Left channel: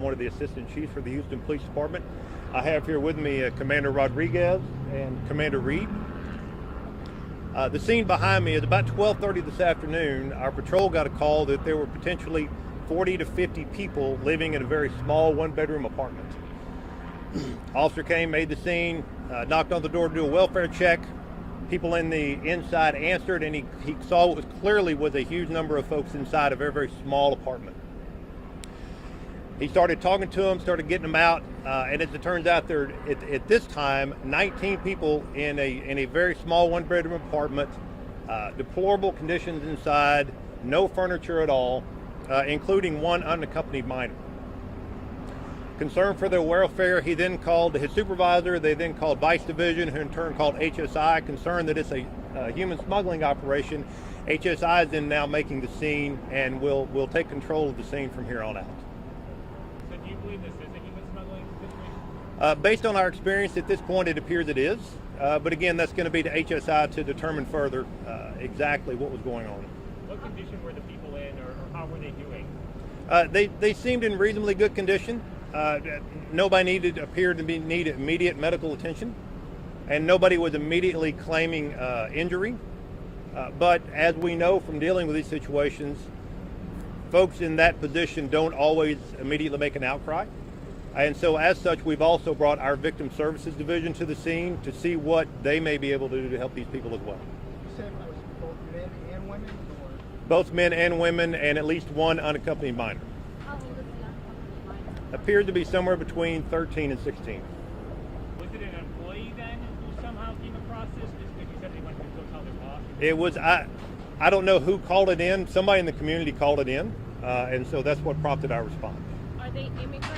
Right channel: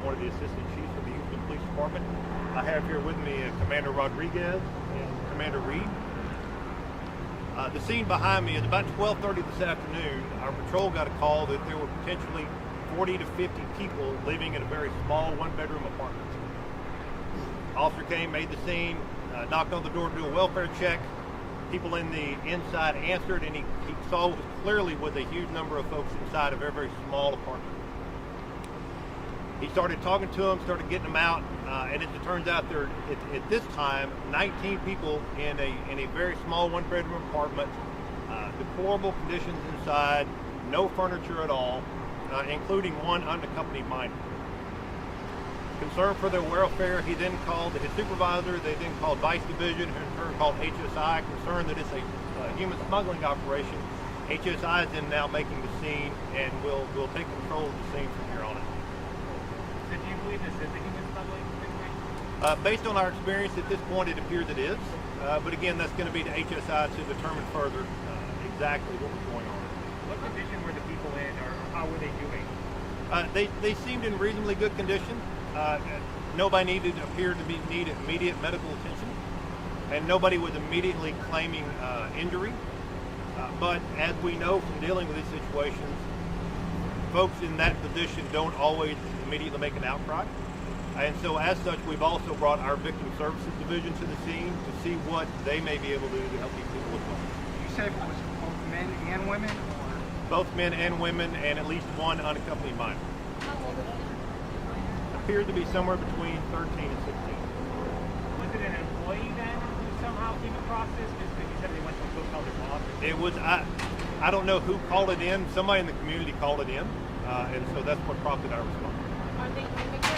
One of the assistant chiefs for the Houston Police Department. I have here with me Commander Rodriguez and Commander Reed. The scene behind me is about 12:30 this afternoon. Our patrol got a call that there were potentially 40 to 50 people living in a very small one-bedroom apartment. Officer came, made the scene, knocked on the door to do a welfare check. People in the inside answered, and he saw what was clearly was a huge number of folks inside a very, very small apartment. He started talking to them, started getting them out, and as it turns out, there at this time 19 people in a very small one-bedroom apartment, deplorable conditions inside, no furniture at all, including one unaccompanied minor. Concerned for their welfare, he then called his supervisor. They then called Vice Division, who in turn called HSI. Concerned that it's a human smuggling operation, HSI is then now making the scene and will take control of the scene from here on out. So do you believe this is a human smuggling situation? Based on our experience at this point, it appears it is. But again, that's going to be to HSI to determine further exactly what was going on. What condition were the people in, or how were they doing? They seemed in reasonably good condition. Nobody appeared to need immediate medical attention, and nobody was immediately claiming injury. But as we know from dealing with these situations, folks in that position don't always immediately make an outcry. And so as such, we've also brought our Victim Services Division to the scene to see what they may be able to do to help these people as well. You said it was both men and women? Or? Both men and women, and at least one unaccompanied minor. Appeared to be somewhere between 13 and 16. Was it an employee then who somehow came across this? Because you said they went to go tell their boss. It was, I don't know who called it in. Somebody in the community called it in, and so that's what prompted our response. Are they immigrants,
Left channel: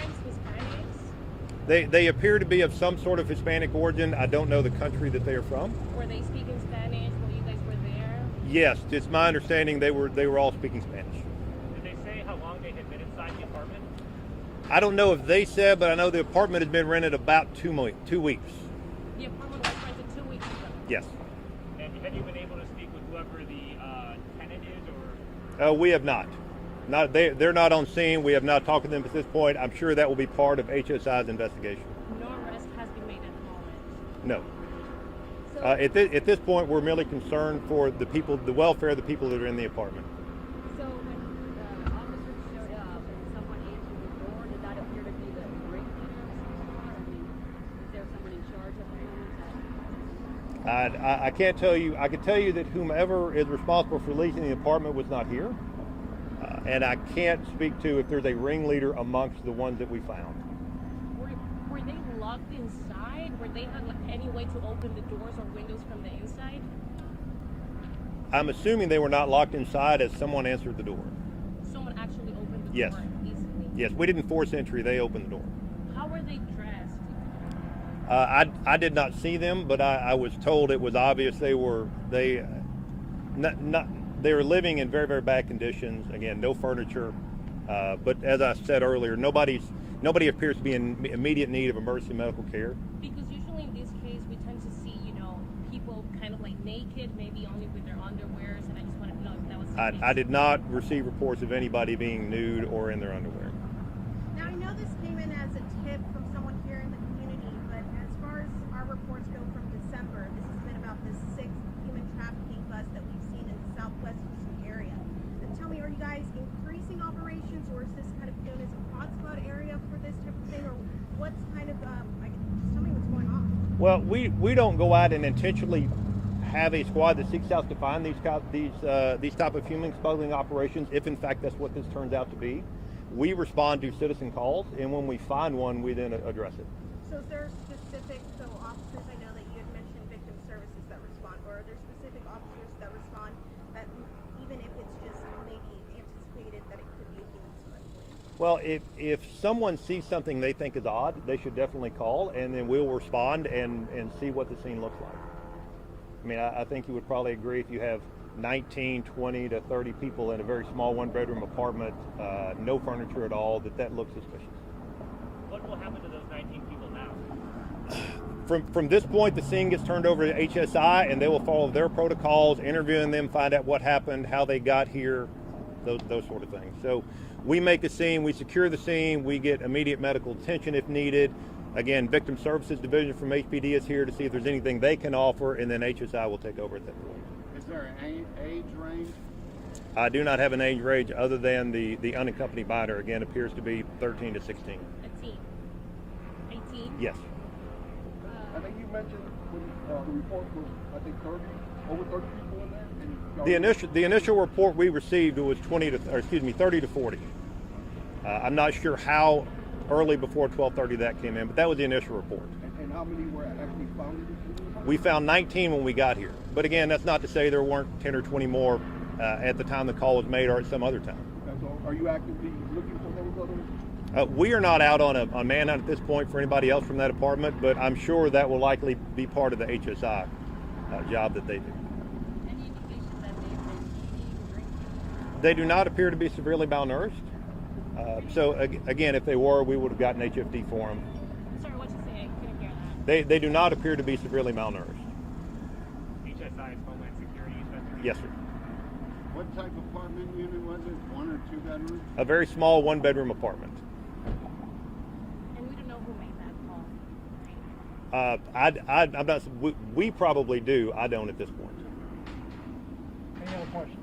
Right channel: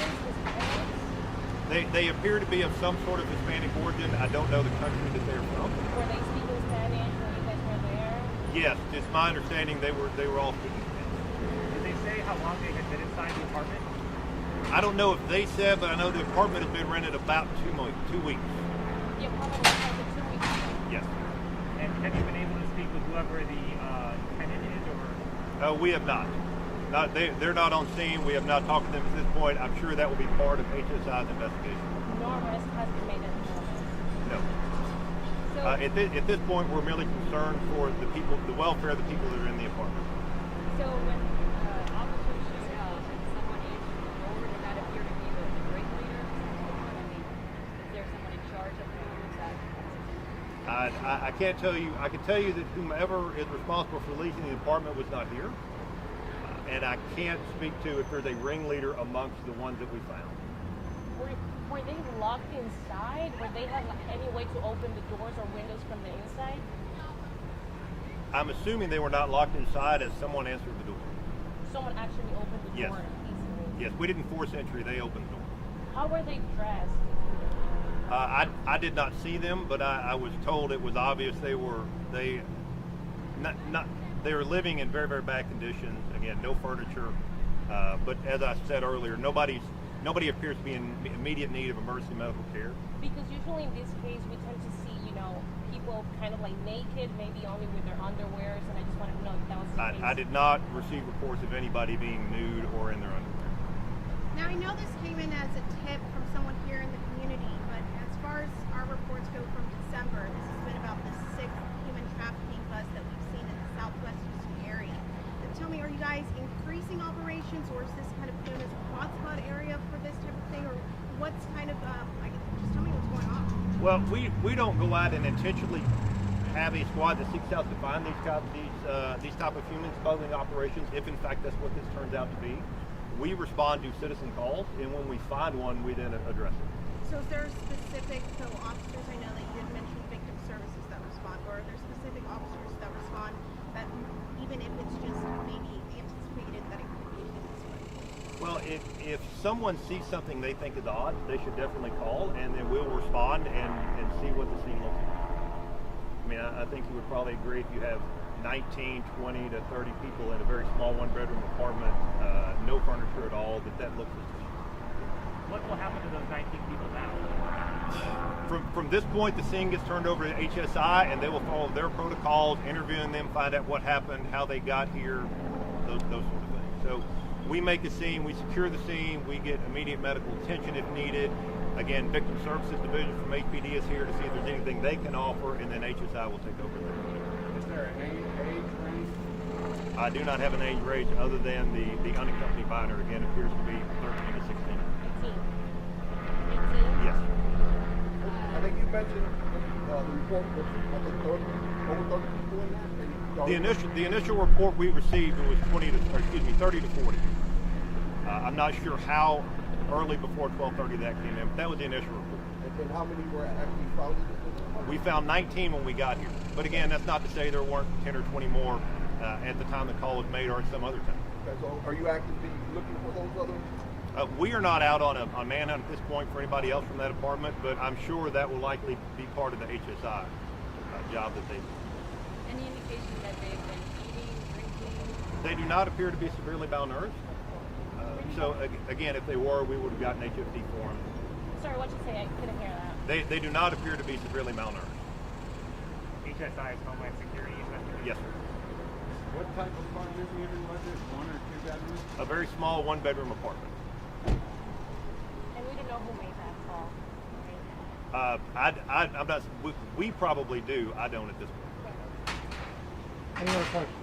Hispanics? They appear to be of some sort of Hispanic origin. I don't know the country that they are from. Were they speaking Spanish when you guys were there? Yes, it's my understanding they were all speaking Spanish. Did they say how long they had been inside the apartment? I don't know if they said, but I know the apartment has been rented about 2 weeks. The apartment was like 2 weeks. Yes. And have you been able to speak with whoever the tenant is, or? We have not. They're not on scene. We have not talked to them at this point. I'm sure that will be part of HSI's investigation. No arrest has been made at the moment. No. So, At this point, we're merely concerned for the people, the welfare of the people that are in the apartment. so when officers showed up and someone answered the phone, did that appear to be the ring leader or something? I mean, is there someone in charge of them? Is that I can't tell you. I can tell you that whomever is responsible for leasing the apartment was not here, and I can't speak to if there's a ringleader amongst the ones that we found. were they locked inside? Were they have any way to open the doors or windows from the inside? I'm assuming they were not locked inside as someone answered the door. Someone actually opened the Yes. door easily. Yes, we didn't force entry. They opened the door. How were they dressed? I did not see them, but I was told it was obvious they were living in very, very bad conditions. Again, no furniture. But as I said earlier, nobody appears to be in immediate need of emergency medical care. Because usually in this case we tend to see, people kind of like naked, maybe only with their underwears, and I just want to know if that was the case. I did not receive reports of anybody being nude or in their underwear. Now, I know this came in as a tip from someone here in the community, but as far as our reports go from December, this has been about the 6th human trafficking bust that we've seen in the Southwest Houston area. Now, tell me, are you guys increasing operations, or is this kind of put as a hotspot area for this type of thing, or what's kind of, just tell me what's going on. Well, we don't go out and intentionally have a squad that seeks out to find these type of human smuggling operations. If in fact that's what this turns out to be, we respond to citizen calls, and when we find one, we then address it. So is there specific, officers, I know that you did mention victim services that respond, or are there specific officers that respond that even if it's just maybe anticipated that it could be in this way? Well, if someone sees something they think is odd, they should definitely call, and then we'll respond and see what the scene looks like. I mean, I think you would probably agree if you have 19, 20 to 30 people in a very small one-bedroom apartment, no furniture at all, that looks suspicious. What will happen to those 19 people now? From this point, the scene gets turned over to HSI, and they will follow their protocols, interviewing them, find out what happened, how they got here, those sort of things. So We make a scene, we secure the scene, we get immediate medical attention if needed. Again, Victim Services Division from HPD is here to see if there's anything they can offer, and then HSI will take over at that point. Is there an age range? I do not have an age range other than the unaccompanied minor, again, appears to be 13 to 16. 18. Yes. I think you mentioned the report was, I think, 30, over 30 people in there. And The initial report we received was 30 to 40. I'm not sure how early before 12:30 that came in, but that was the initial report. and how many were actually found in this place? We found 19 when we got here, but again, that's not to say there weren't 10 or 20 more at the time the call was made or at some other time. Okay, so are you actively looking for those others? We are not out on a manhunt at this point for anybody else from that apartment, but I'm sure that will likely be part of the HSI job that they do. Any indication that they've been eating, drinking? They do not appear to be severely malnourished. So again, if they were, we would have gotten HFD for them. Sorry, what'd you say? I couldn't hear that. They do not appear to be severely malnourished. HSI is Homeland Security. Yes, sir. What type of apartment unit was it? 1 or 2 bedrooms? A very small one-bedroom apartment. And we don't know who made that call. I'm not. We probably do. I don't at this point. Any other questions?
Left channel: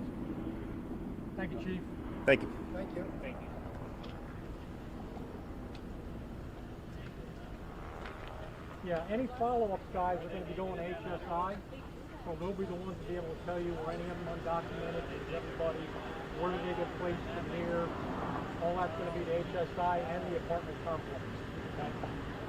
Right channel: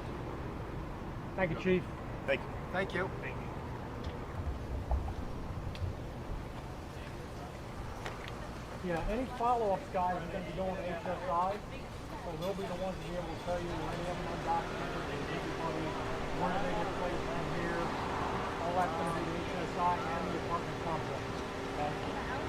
Thank you, Chief. Thank you. Thank you. Thank you. Yeah, any follow-ups, guys, are going to be going to HSI, so they'll be the ones to be able to tell you any of them undocumented, and everybody, where do they get placed from here, all that's going to be to HSI and the apartment complex. Okay?